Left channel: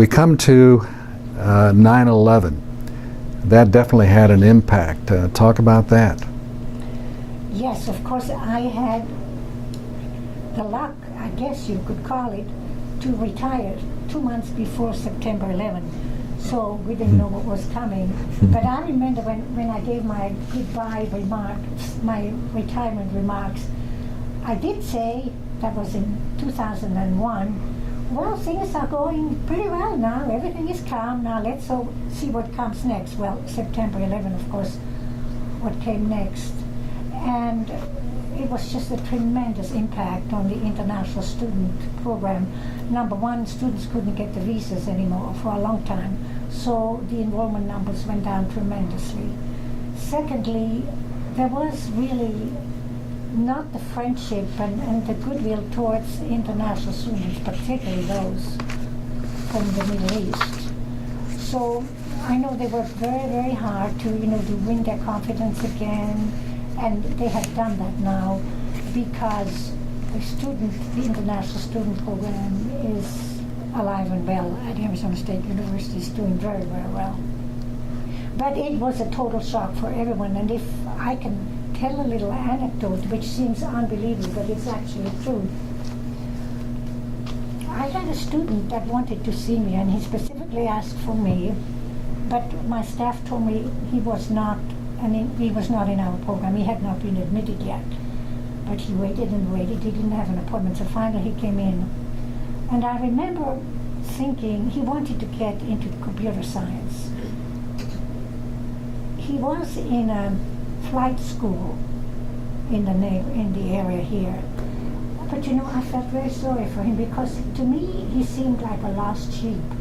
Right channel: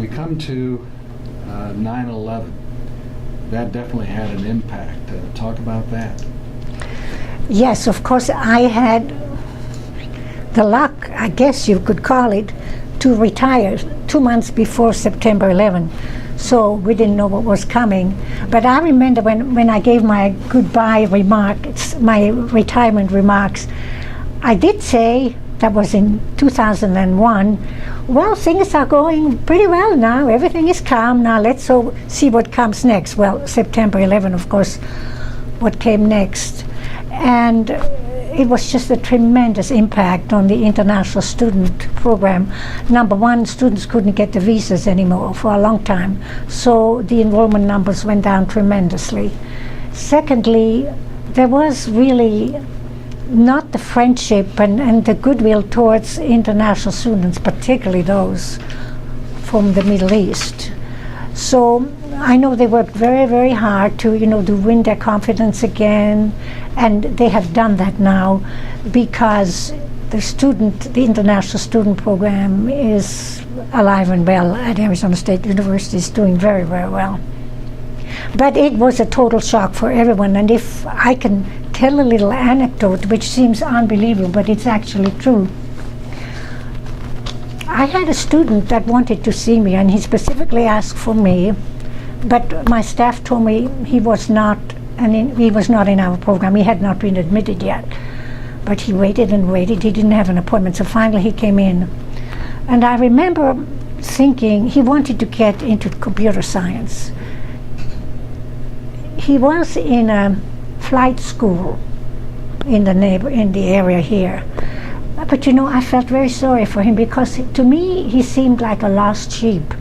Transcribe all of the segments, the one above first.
We come to 9/11. That definitely had an impact. Talk about that. Yes, of course, I had the luck, I guess you could call it, to retire 2 months before September 11. So we didn't know what was coming. But I remember when I gave my goodbye remarks, my retirement remarks, I did say, that was in 2001, well, things are going pretty well now. Everything is calm now. Let's see what comes next. Well, September 11, of course, what came next. And it was just a tremendous impact on the international student program. Number one, students couldn't get the visas anymore for a long time. So the enrollment numbers went down tremendously. Secondly, there was really not the friendship and the goodwill towards international students, particularly those from the Middle East. So I know they worked very, very hard to win their confidence again, and they have done that now because the international student program is alive and well at Arizona State University. Is doing very, very well. But it was a total shock for everyone, and if I can tell a little anecdote, which seems unbelievable, but it's actually true. I had a student that wanted to see me, and he specifically asked for me, but my staff told me he was not in our program. He had not been admitted yet. But he waited and waited. He didn't have an appointment, so finally he came in. And I remember thinking he wanted to get into computer science. He was in a flight school in the area here. But I felt very sorry for him because to me he seemed like a lost sheep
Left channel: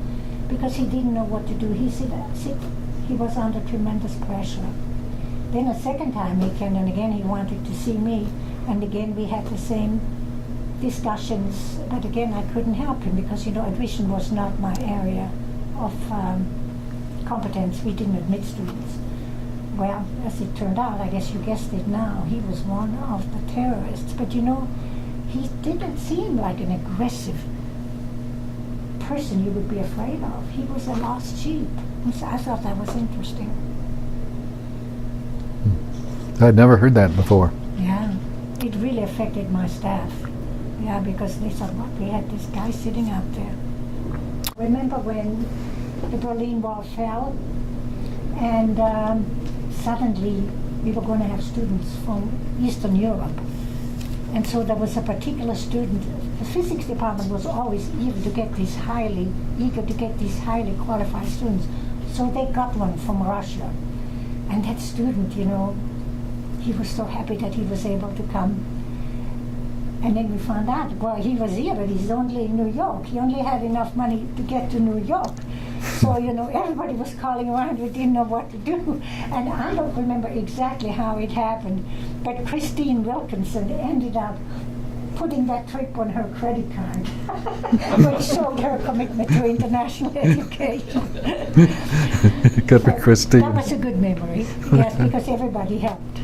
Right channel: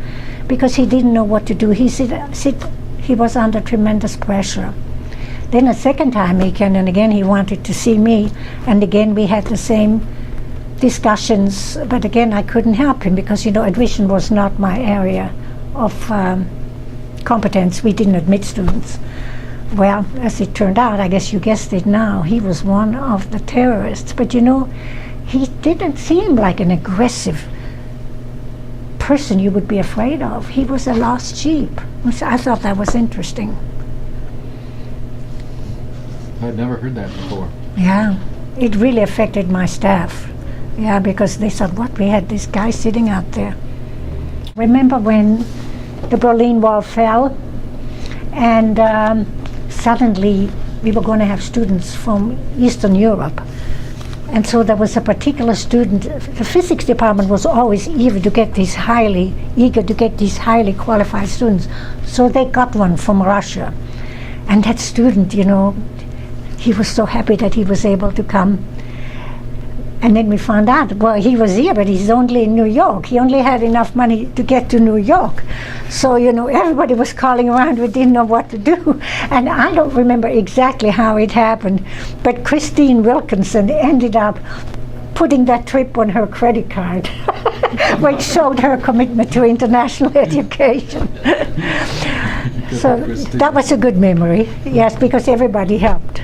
because he didn't know what to do. He was under tremendous pressure. Then a second time he came, and again he wanted to see me, and again we had the same discussions, but again I couldn't help him because admission was not my area of competence. We didn't admit students. Well, as it turned out, I guess you guessed it now, he was one of the terrorists. But he didn't seem like an aggressive person you would be afraid of. He was a lost sheep, which I thought that was interesting. I'd never heard that before. Yeah, it really affected my staff. Yeah, because they thought, what, we had this guy sitting out there. Remember when the Berlin Wall fell, and suddenly we were going to have students from Eastern Europe. And so there was a particular student. The physics department was always eager to get these highly qualified students. So they got one from Russia. And that student, he was so happy that he was able to come. And then we found out, well, he was here, but he's only in New York. He only had enough money to get to New York. So, everybody was calling around. We didn't know what to do. And I don't remember exactly how it happened, but Christine Wilkinson ended up putting that trip on her credit card, which showed her commitment to international education. Good for Christine. That was a good memory, yes, because everybody helped.